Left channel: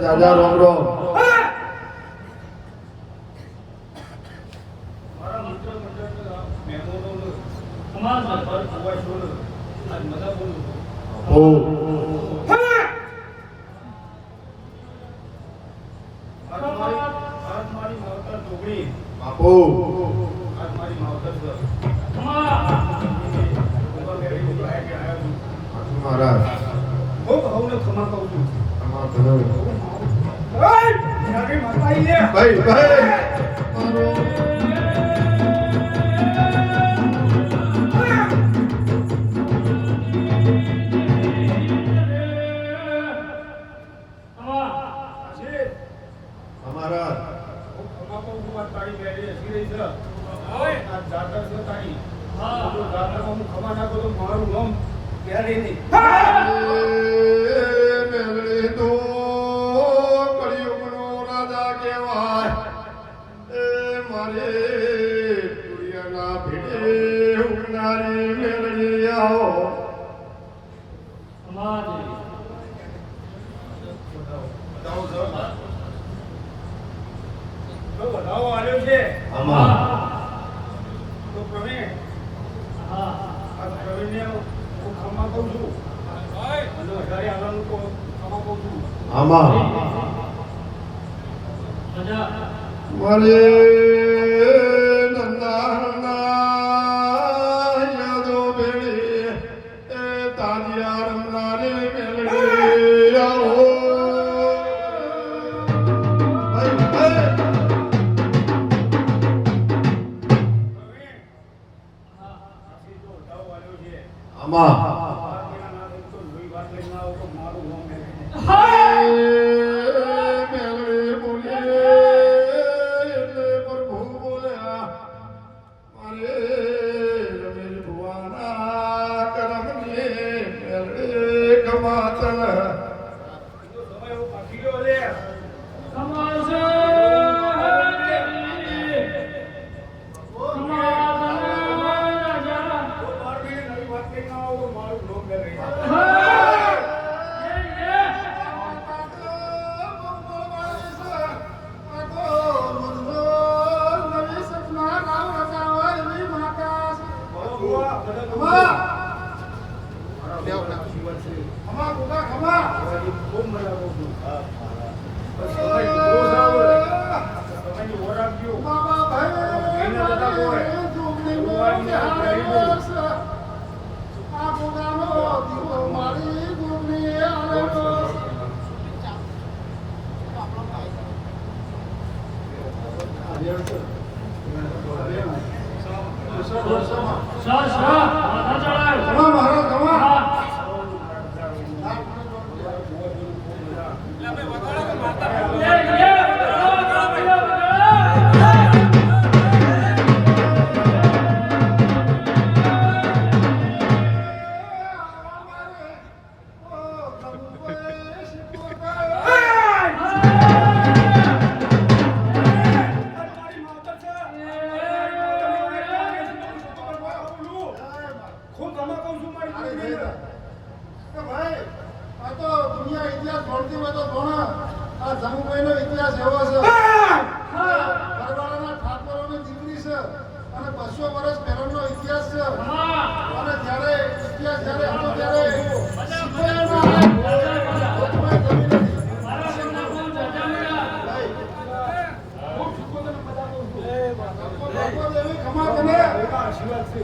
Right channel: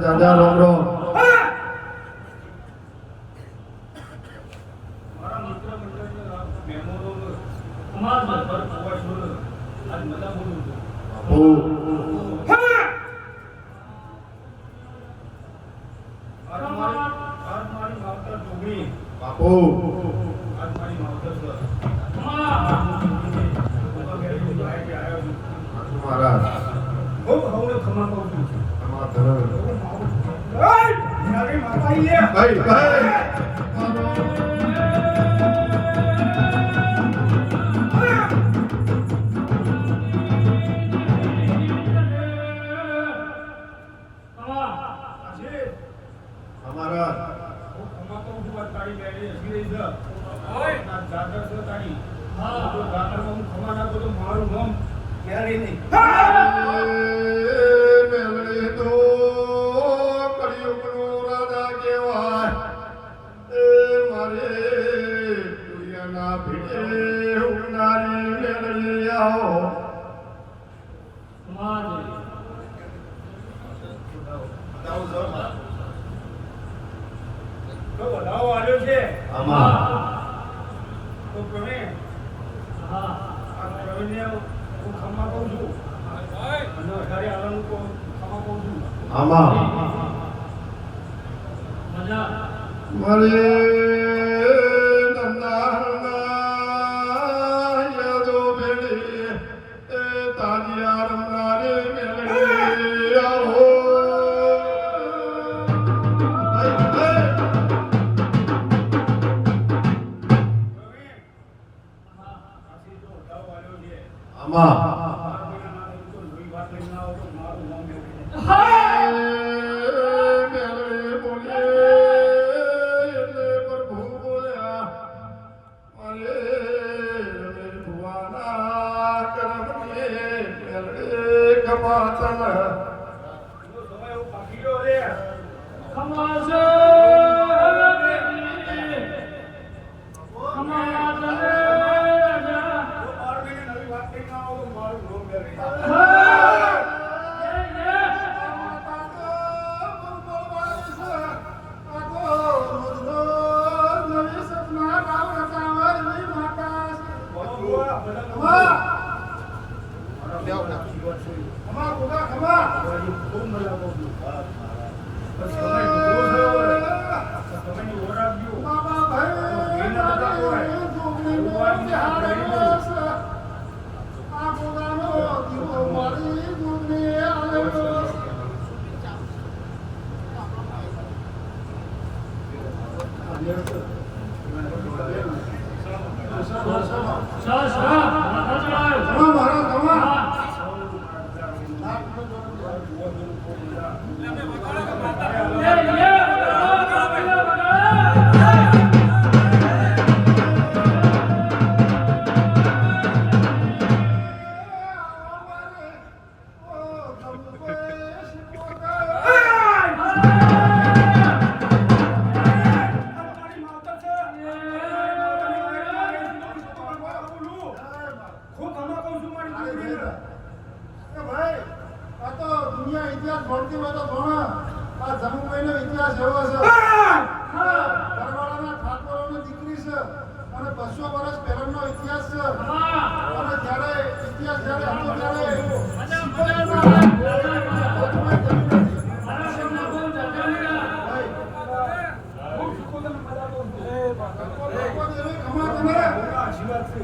દાદા રોમ રોમ મારા મિત્ર મંડળ મહેમાનો સમાજ પર હોવા છોડ આજ મજા બોલું ઓ આજ મારી માવતર ટોગડી બાપુ આજ મારી માવતર મહારાજ ખૂબ હવને ખમા કહું છું તમાર ધન ભાઈ માતા આઈએ ભાઈ ભાઈ મારો અમારા ખમા કહું છું આ તારી બેડી હસી રહી છે આ જાતર છે તારી જો જાતર હું ખમા ના તો મારું નામ ક્યારે નહીં મેલડી તો કળિયુગનો રાજા કહેવાય એ મારે દુનિયાના ભીડે ઉડનારી મેલડી આવો તો બધાઓ આવ્યો છે આમાં તો પ્રવીણ આ પ્રવીણને હું ખમા કહું છું અને વધારે હાલનું તો ખમા કહું છું આમાં મારે નંદાના યાદો ભેળી એ તાજિયા રમનારે મેલડી આવો આમાં મેલડી બોલે એટલે પ્રભુ બોલ્યા મારે રમેશ ભુવાના કરમને મેલડી કમાતન ઇતિહાસ ભણતી હોય તો ભણ આ જમુભાઈનો ઇતિહાસ એવો છે પરવાળાના ઠાકોરોની દીકરી છે અને 200 વર્ષ પહેલાનો ઇતિહાસ છે અને જ્યારે ઇતિહાસ જ્યારે હતો ત્યારે આશીર્વાદ છે